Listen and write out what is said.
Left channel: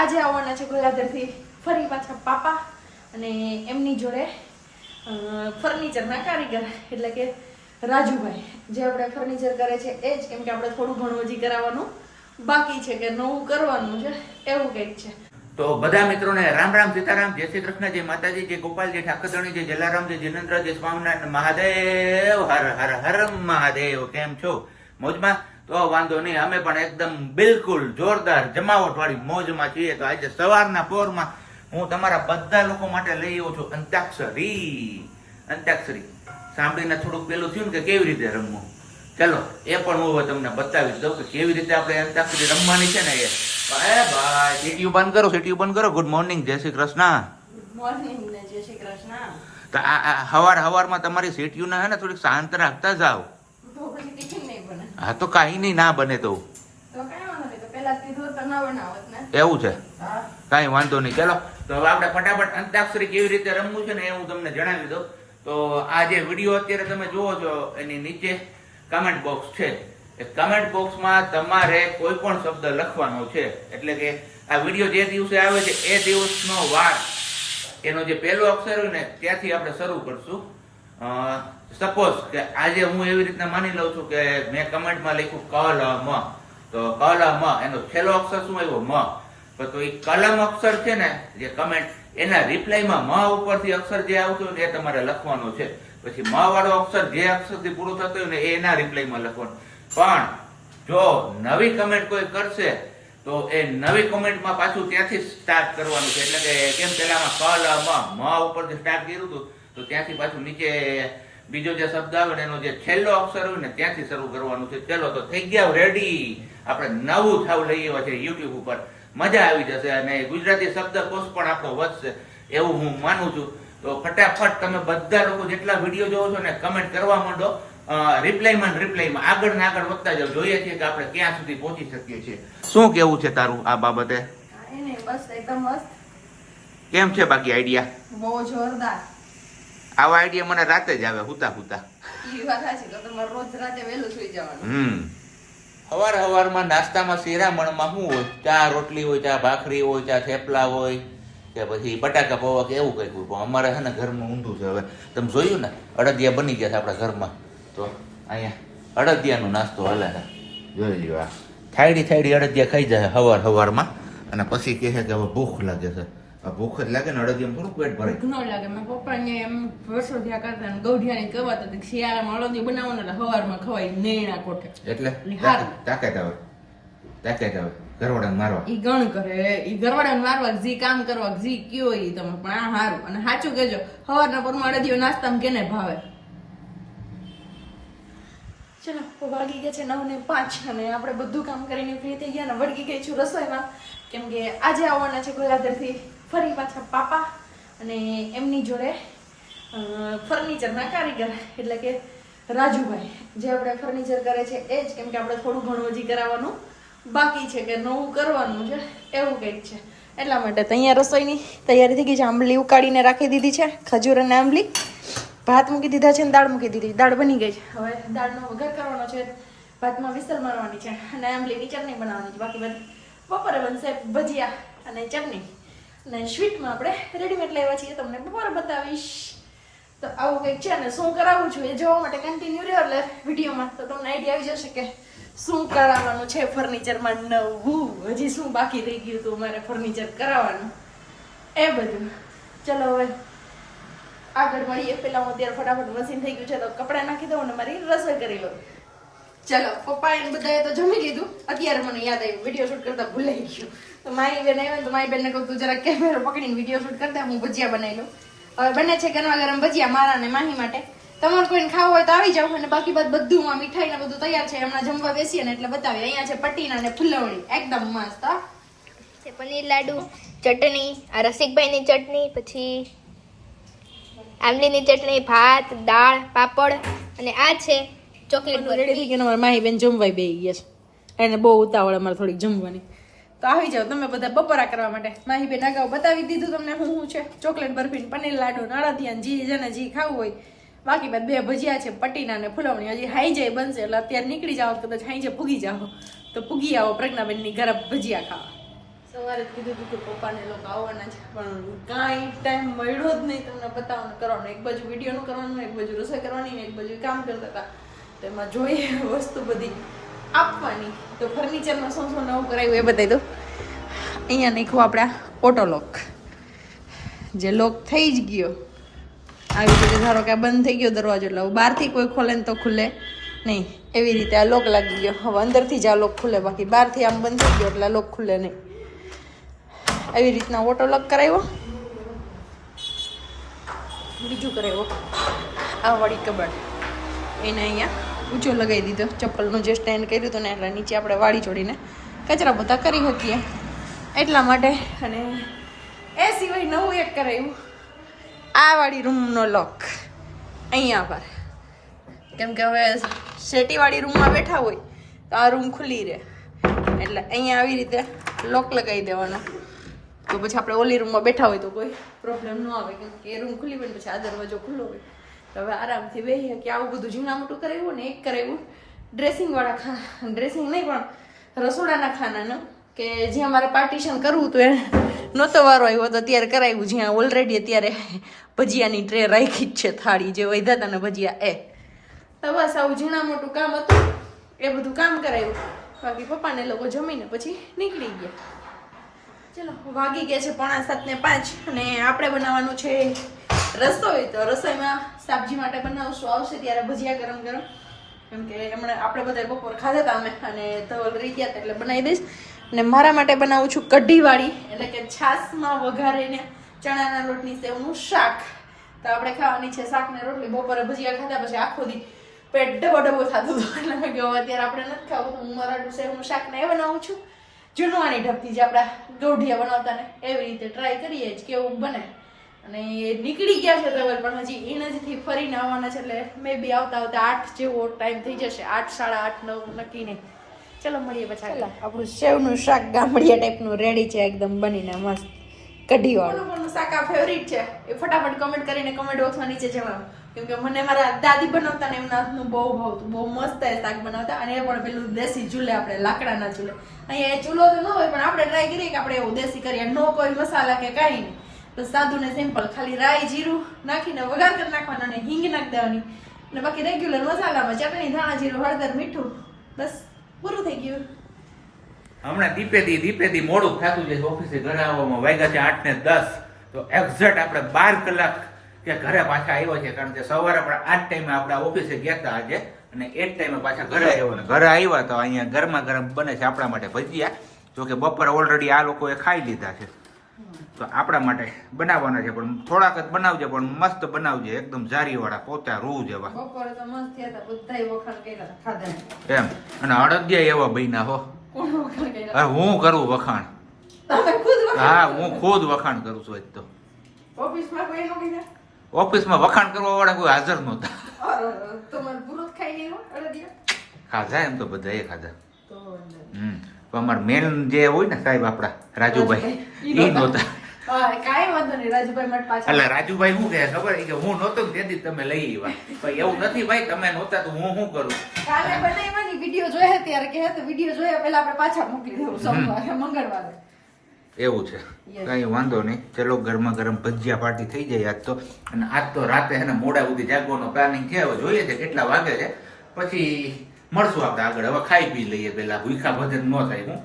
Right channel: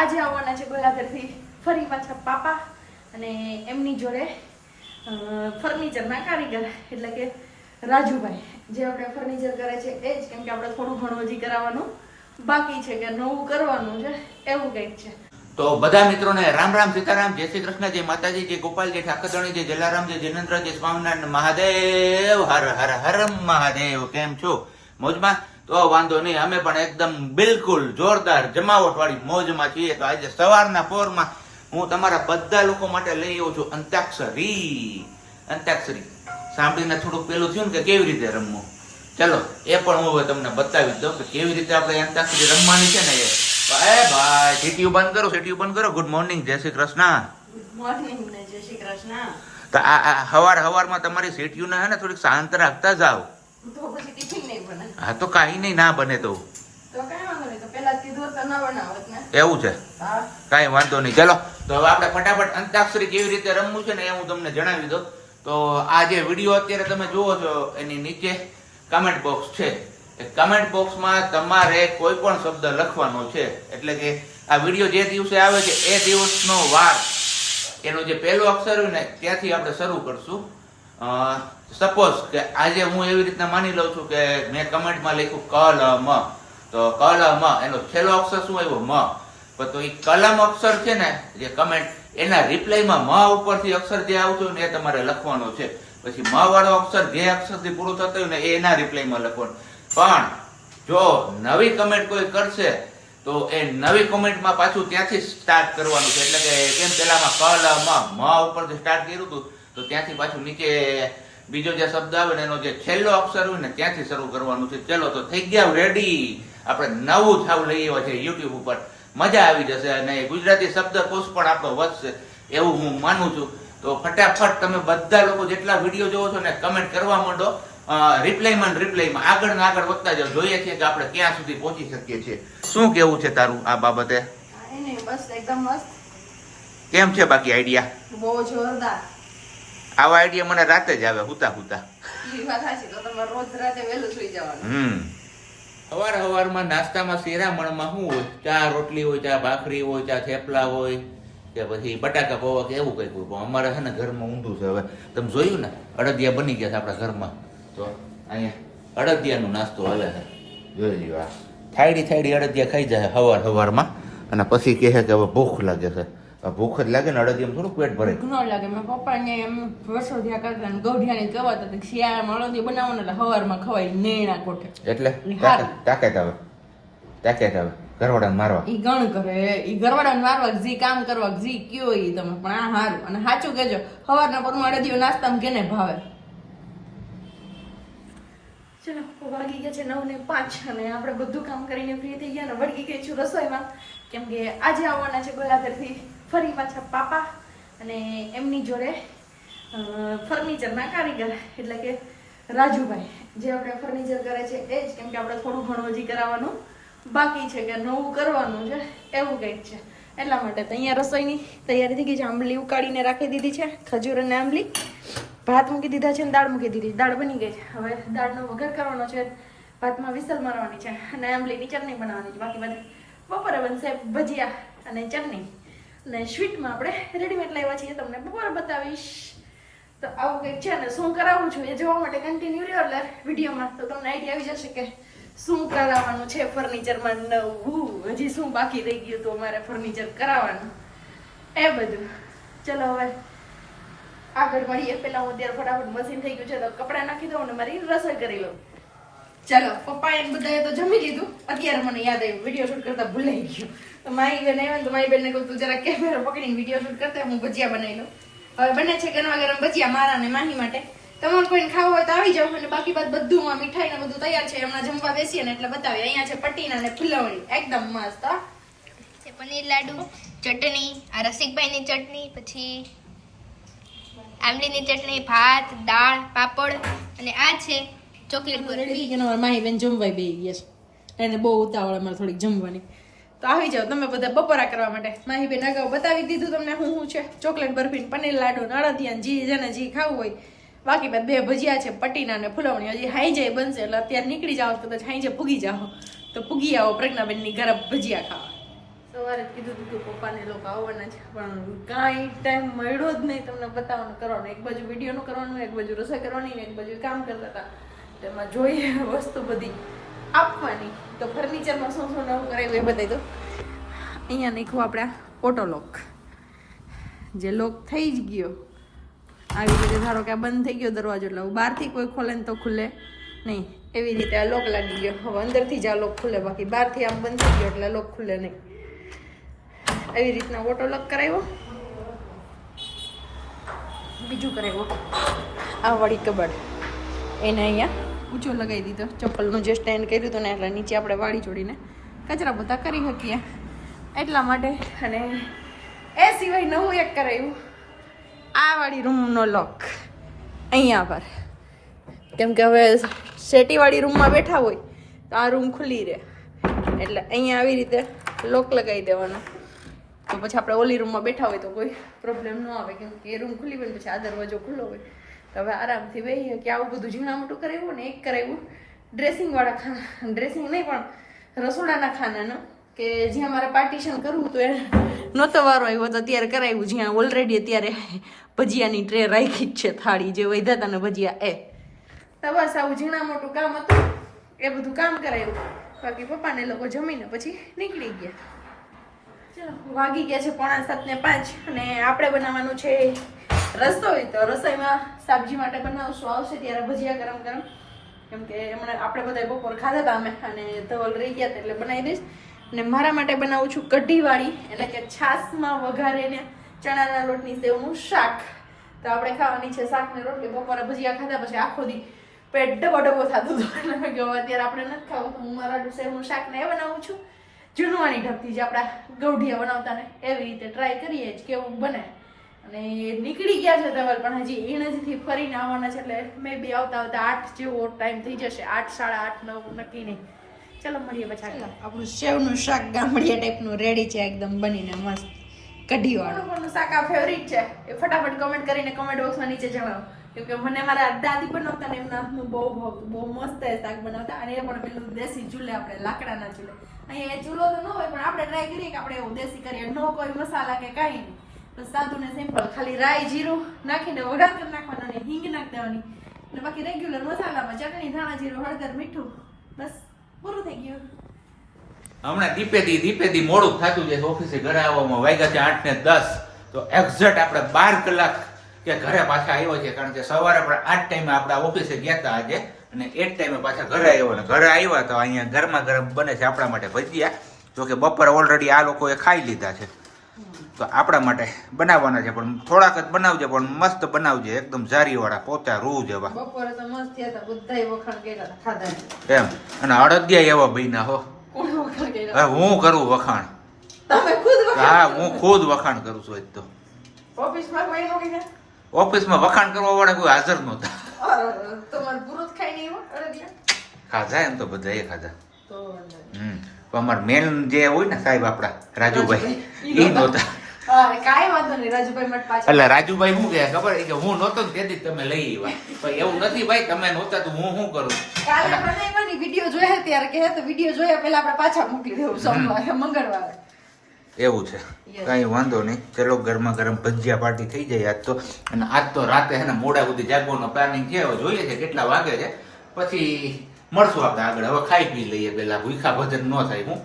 આજે આવવાના છે ગોલાધરથી ફરી પાછા પાપા અને એમની જોડે ફર્નિચરના કારીગર એટલે કે રાજુભાઈ જે આપણે ફર્નિચર કરે છે એ જ, કેમ કે આપણે થોડું ઘણું હજી કરાવવાનું બાકી છે કે નવું કરવાનું છે એવું કંઈક છે. તો બધા મિત્રોને રામ રામ સીતારામ, જય શ્રી કૃષ્ણ, જય માતાજી, જય ગોપાલ, જય ઠાકરધણી, જય જલારામ, જય જિનેન્દ્ર, જય સ્વામિનારાયણ મહાદેવ, હર હર હર મહાદેવ. કેમ છો? મોજમાં? તો વાંધો નહીં, અમે પણ એકદમ બિલકુલ જોરદાર જમાવટ વાળી મોજમાં છીએ. તો આજે સવારના પોરમાં હું તમારા બધા લોકો માટે લઈ આવ્યો છું અંતાક્ષરી. સાંભળીને થોડુંક પેલું થયું ને કે કેવી રીતે રમવું, ચલો એ પણ હું હવે તમને બતાવી દઉં કે કેવી રીતે આપણે અંતાક્ષરી રમવાની છે ને એ. ભાઈ સીટીયુ બંધ કરો. ગુડ મોર્નિંગ, જય શ્રી કૃષ્ણ. મોર્નિંગ ને જય શ્રી કૃષ્ણ. તો આ હવારમાં તમારી સીટીયુ ને હે ને થોડીક શાંત રાખતા જાઓ. તો પછી ટિફિન નહીં બને. હા તો કાંઈ નહીં, ના બને તો તો કઈ વાંધો નહીં, તો પહેલા કીધું તો ના બનાવત ને. એવું છે, હા કાંઈ વાંધો નહીં. ચલો તો હવે આપણે ફટાફટ અંતાક્ષરી કેવી રીતે રમવું છે ને એ હું તમને જણાવી દઉં. તો આ જે વિડીયો અત્યારે તમે જુઓ છો એની નીચે કમેન્ટ બોક્સ છે. એ કમેન્ટ બોક્સમાં તમારે કોઈ પણ શબ્દ લખવાનો છે. એટલે કે આ વિડીયો જે દિવસે આવે છે એ દિવસનો વાર, એનો જે પહેલો અક્ષર હોય ને ત્યાંથી આપણે શરૂ કરશું. સપોઝ કે આજે હું એવી રીતના માની લઉં છું કે મેં કમેન્ટમાં લખ્યું કલમ, તો કલમ એનો છેલ્લો અક્ષર શું આવ્યો? મ. તો એ કલમ અક્ષર છે ને જે કમેન્ટ એના રિપ્લાયમાં મ ઉપરથી અક્ષર જે આવતું હોય ને એ તમારે લખવાનું છે. પછી મ વાળો અક્ષર જે અક્ષરથી પૂરું થતું હોય ને એના રિપ્લાયમાં લખવાનું. પણ જો નવી કમેન્ટ કોઈ કરશે તો એ નવી કોમેન્ટમાં પાછું ત્યાંથી સ્ટાર્ટ કરવાનું છે. એટલે કે કેમ પેલામાં મ ઉપરથી સ્ટાર્ટ કર્યું હતું તો ત્યાંથી પાછું નીચે બીજો જે શબ્દ આવે ને એનો જે છેલ્લો અક્ષર હોય ને ત્યાંથી શરૂ કરવાનું છે. ચલો તો થઈ ગયા રેડી. આપણે નવું થાવ લઈ આવ્યા છે યુટ્યુબ ઉપર, મજા આવી જશે અને ગુજરાતી શબ્દકોશ પણ આપણો વધશે એવું હું માનું છું. તો ફટાફટ તમે બધા લોકો જેટલા વિડીયો જોવો છો ને કમેન્ટ કરવા માંડો. રિપ્લાયમાં આગળ ને આગળ વધતા જાવ. જોઈએ છીએ કે આપણે ક્યાં સુધી પહોંચી શકીએ છીએ. શું કેવું છે તારું આ બાબતે? કાંઈ નહીં, બસ એકદમ મસ્ત. કેમ છે બાકી આઈડિયા? બહુ જોરદાર. આવા આઈડિયા મને રાતે જ આવે હુતા. ઈ વાત સાચી, તો તમારે રોજ રાતે વહેલું સુઈ જવાનું. હવારમાં નાસ્તામાં શિરામણમાં શું હોય? ચા રોટલી હોય, ચા ભાખરી હોય, ચા થેપલા હોય કે પછી બટાકા પૌવા કે એવું કંઈક હોય. પણ અમારે છે ને ઘરમાં ઊંધું છે. હવે તમે જોયું ને અડદિયા બની ગયા છે આપણા ઘરમાં. તો અહીંયા અડદિયાનો નાસ્તો હાલે છે, જોઈ લ્યો. આ થાયડી અડદિયા ખાઈ જાય હવારમાં અને પછી કહે છે કે હવે ભૂખ લાગે છે. ભૂખ જ લાગે ને અડદિયામાં થોડું પેટ ભરે. ભૂખ ન લાગે. મારા પપ્પાને એમ વર્ષો થયા કરતા ને ગૌઢિયાની કહેવત હતી શિયાળામાં અડદિયું બનાવવાનું એટલે હવારમાં ખવાય નેણા કોઠે. એટલે તાકાત આવે ઘરવાળાને મારવા. ઈ ગણ કરે, ઈ ઘરવાળાને મારવા, જી કામ કરવા, જી કયો ઈ તમે. પણ આ હારું અને સાચું કહેજો, સવારના પરમાં અડદિયું નાસ્તામાં કેને ભાવે. ચલો વાગી ગયા છે 9:05 અને આપણે બધું કામ કરીને ફ્રી થઈ ગયા ને વળગી ગઈ છું રસોઈમાં. કેમ કે આજે આવવાના છે ગોલાધરથી ફરી પાછા પાપા અને એમની જોડે ફર્નિચરના કારીગર એટલે કે રાજુભાઈ જે આપણે ફર્નિચર કરે છે એ જ, કેમ કે આપણે થોડું ઘણું હજી કરાવવાનું બાકી છે કે નવું કરવાનું છે એવું કંઈક છે. એટલા માટે તો અહીંયા રસોઈની તૈયારી થઈ ગઈ છે. આંબલી ઉકાળીને રાખી દીધી છે, ખજૂર અને આંબલી. ભાત મૂકી દીધા છે અને દાળ મૂકી દીધી. દાળ બની ગઈ છે. હવે દાળનો વઘાર કરવાનો છે, ભાતમાં વિસલ મારવાની છે અને આંબલીની ચટણી બનાવવાની છે. બાકી બધી બપોરે બનશે ભજીયા અને ચટણી. અને સ્વીટમાં આપણે રેડીમેડ લાવ્યા છીએ, તમને બપોરે બતાવીશ. તો આવું કંઈક છે ને શું કરાવું છું એ જોવા માટે કન્ટિન્યુ રહ્યો એટલે વિડીયોમાં તો તમને આઈડિયા આવી જશે કે શું કરાવવાનું છે ફર્નિચરમાં નવું, હજી શું બાકી રહી ગયું તો અમારે ફર્નિચર કરાવવાનું એ બધું. ચલો હવે આગળ મળીએ. પેલા હું અત્યારે ફટાફટ મશીન થઈ ગયું છે તો કપડાં નાખી દઉં અને મારી રસોઈ કરી લઉં. ચલો પપ્પાએ બધાએ તો જમી લીધું. અત્યારે મને યાદ આવ્યું વિડીયો શૂટ કરતા ભૂલાઈ ગયું. તો મારી બેન આવ્યો તો મારી બેનને કહું તું જરા કેમેરો પકડીને વિડીયો શૂટ કરતા હું ભજીયા બનાવી લઉં. હવે બને છે ગરમા ગરમ ભજીયા મારા ને માહી માટે. તમારે કોઈને ખાવું હોય તો આવી જાવ. અને બાકી બધું મીઠાઈ ને બધું તૈયાર છે. હમણાં જમવા બેસીએ ને એટલે બતાવીએ. અહીંયા છે પટીના ને ફુલવણી એકદમ મસ્ત. પનીર લાડુ, ચટણી, આ રસિકભાઈની ચટણી, પછી આંબલીની ચટણી, ભાત, દાળ, પાપડ અને આ છે ચોકલેટ રેડી થઈ ગયા. અમારા માહી બેન જમવાય બેસી ગયા છે. એને બહુ ઉતાવળ અમારે થોડીક જમવાની. તો આવી જાવ તમે બધા બપોરા કરવા માટે. માહી બેન અગાઉ બતાવી દીધું તમને શું છે. ચોકલેટ બરફી, પનીર લાડુ, અડદિયા, જી જેને જી ખાવું હોય. બાકી બાદ 2 ભજીયા છે, પટીના ને ફુલવણી. હજી હાઈજે બનશે એટલે અત્યારે નીકળી જાઓ, કદાચ હાઈજે પૂગી જાઓ તો પૂગી આવો પ્રજ્ઞાબેનની ઘરે ભજીયા ખાવા. સવારે જ કીધું હતું કે પપ્પાને લોકો આવવાના છે પણ કાંઈ ટાઈમ મળ્યો જ નહીં તમને બતાવવાનું કરવાનું. એક બાજુ વિડીયોનું કરવાનું, એક બાજુ રસોઈ કરવાની, એક બાજુ કામ કરતા હતા. તેમાં જોઈએ વસ્તુ બધી આપવાની. તો ફર્નિચરમાં શું શું નવું કરાવ્યું એ બતાવી દઉં. અહીંયા નાખ્યું આપણા ઓટો લોક, જે લોક થઈ જ ગયો આવી રીતે. ધારો કે આ બંધ થઈ ગયો દરવાજો એટલે બહારથી કોઈ ખોલે ને તો ખુલે નહીં. એવી રીતે આ લોક લાગી ગયો. હવે અંદરથી જ આ લોક ખુલે, બાકી બહારથી આમ બંધ થઈ ગયો એટલે આ લોક ખુલે નહીં. આવી રીતના ઓટો લોક કરાવ્યો. બીજું કરાવ્યું આ વાળી કબાટ, એને અહીંયા ઊંચો લગાવી દીધો. ચપ્પલનું જે સ્ટેન્ડ કર્યું હતું ને એટલે નીચે આપણે વાળી જોડીને કચરા પોતા કરી શકીએ એટલા માટે. અને એ સિવાય નવું એક કરાવ્યું, આ વાળી રૂમનો લોક અહીંયા પર. કેમ કે હવે શેટીવાળી રૂમમાં બેઠા હોય તો આ રૂમ ખુલ્લી રહે એટલે અહીંયા આવી રીતે લોક લગાવી દેવાનો. તો પછી આપણે ઓલી રૂમમાં બેઠા હોય તો કોઈ પ્રોબ્લેમ ન આવે, કેમ કે એ રૂમ ખુલ્લી હોય પછી આ દરવાજો ખુલ્લો હોય તો હવે આરામથી બેહીએ. કે આવું બધું ઝીણા મોટું કરાવ્યું ને એક કરાવ્યું ડ્રેસિંગવાળા ખાના, ડ્રેસિંગ નહીં પણ રસોડાના ખાનાનું, કે જ્યાં મારે પાર્ટીશન કરવું હતું એ નહોતો વારો આવ્યો તો ત્યારે કરાવ્યું. જ્યાં ઓલરેડી અત્યારે ભજીયાની ટ્રે રાખી જ છે, થાળી જે વધ્યા હતા ને ભજીયા એ. તો બસ આવું ઝીણા મોટું કામ હતું એ બધું કામ કરાવ્યું. બાકી પપ્પાને લોકો જમીને પછી નીકળી ગયા. ચલો વાગી ગયા છે 6:45 અને આપણે બનાવવાનું છે રસોઈ. તો રસોઈમાં સબ્જી માટે બનાવશું, આવશે ત્યારે ભજીયા ગરમ ગરમ. કેમ કે હમણાં આપણે બધા બપોર ખાધા હતા અમે અને ધવલ રહી ગયા હતા એટલે બનાવી દઈશ. અને મારા માટે બનાવું છું કઢીવાળી, એટલે કે છાશમાં વઘારીને ચણાના લોટની સેવનું શાક. તો આપણે ખાવાની છે શાક ને રોટલી. બપોરે ભજીયા ખાધા પછી આખો દી પેટ ડબો ડબો થતું હતું એટલે મેં કહ્યું અત્યારે આપણે નથી ખાવું. હું મારા સેવનું શાક ને એ બનાવું છું જૂનવાણી ઢબથી, જે આપણા ગૌઢિયા બનાવતા ને એવી રીતે ટ્રાય કરીએ જ કેવું બને. અને નીકળી ગયા છે ધવલ પણ હજી ઈણજથી ફરીને આવવાના છે એટલે મે બી આવતા આવતા 8 જેવો ટાઈમ થઈ જશે. 8, 8:30, 9 નક્કી નહીં. ચલો મળીએ પછી. આપણું સેવનું શાક ગામડિયા ટાઈપનું રેડી છે, એકદમ બનીને મસ્ત કઢીવાળું. કોનું શાક આ ફેવરિટ છે એ ફટાફટ કમેન્ટ કરીને કમેન્ટ બોક્સમાં નીચે જણાવો. કેમ કે મને મારા દાદી બનાવતા ને એમના હાથનું બહુ ભાવતું, બહુ મસ્ત એ શાક બનાવતા. અને એ પણ પેલું દેશી ચૂલે, આપણે લાકડાના ચૂલે. અહીંયા એ ચૂલો તો ન હોય પણ આપણે ટ્રાય કરીએ કે આપણે એવું દેશી કરીએ. નો કોઈ મસાલા કે કાંઈ નહીં, બસ સાદું ને સિમ્પલ, ખાલી રાઈ જીરું નાખીને વઘાર કરી નાખવાનો અને હિંગ નાખી દેવાની. અને બાકી રેગ્યુલર મસાલામાં ચટણી, ધાણા જીરું, હળદર, મીઠું, બસ પૂરું થઈ ગયું. હમણાં દીપેદી મોડું થતું જાય ઓફિસે ઘરે આવવામાં. વાગ્યા છે 8:10. તો એક્ઝેક્ટ આપણે 12 કલાક કે ઘરે પાછા આવ્યો છે, કારણ કે સવારે પણ આ જ ટાઈમે આપણે ઓફિસે ગયા હતા આજે અને એ જ ટાઈમે પાછા ઘરે આવ્યો. ઘરે આવ્યા તો અહીંયા ગરમા ગરમ બને છે આપણા માટે ભજીયા. જો કે બપોરે ઓલરેડી આ લોકોએ ખાઈ લીધા છે તો આપણા માટે બનાવવાના છે. પણ થોડાક જ બનાવજે, પણ મસ્ત બનાવજે, એકદમ જારીવાળા પોતા રૂ જેવા. બપોરે તો મસ્ત થયા હતા, બધાય વખાણ કર્યા ખાધા એમ. અને અડદિયા એવા બન્યા હો. કોણ વખાણ કર્યા? હવે હું કરું વખાણ? તમે ખુદ વખાણ? હા, હું ખુદ વખાણ કરું છું. આજ તો ઓફિસમાં કોઈ નો કીધા? ઓફિસમાં વખાણ કરવા વાળા કોઈ હાજર નહોતા. તમારે પૂરું ખાઈ નહીં હો અડદિયા? ખાધા એમ તો બધા એ ખાધા. તો પણ અમારા મેન જે હોય ને સાહેબ આપડા રાજુભાઈ, એ નહોતા. કાંઈ વાંધો નહીં, રાજુભાઈ માટે પાછા. એટલે રાજુભાઈ શું કહે ખબર? એ કે હું નહોતો ને તેથી તમે લઈ આવ્યા. પણ એવું નથી ભાઈ, તમે નહોતા તો હું શું કરું? કાલે બનાવવાની વિડીયો જોયા ત્યારે કે તો વિડીયો જોયા પહેલા આપણે પાછા મોકલી દેવું સોમવારે મંગળવારે. એવું છે, કઈ વાંધો નહીં. ચલો ગરમા ગરમ ભજીયા પાર્ટી થઈ જાય આજ તો. અને આજ તો રાતે હે ને મોડા સુધી જાગવાનો પ્લાનિંગ છે. હવે જોઈએ છે કેટલા વાગે છે, પછી મળશું આપણે આગળ. હવે ખાઈ પી લઈએ પેલા, ભૂખા ભજન ન થાય. હું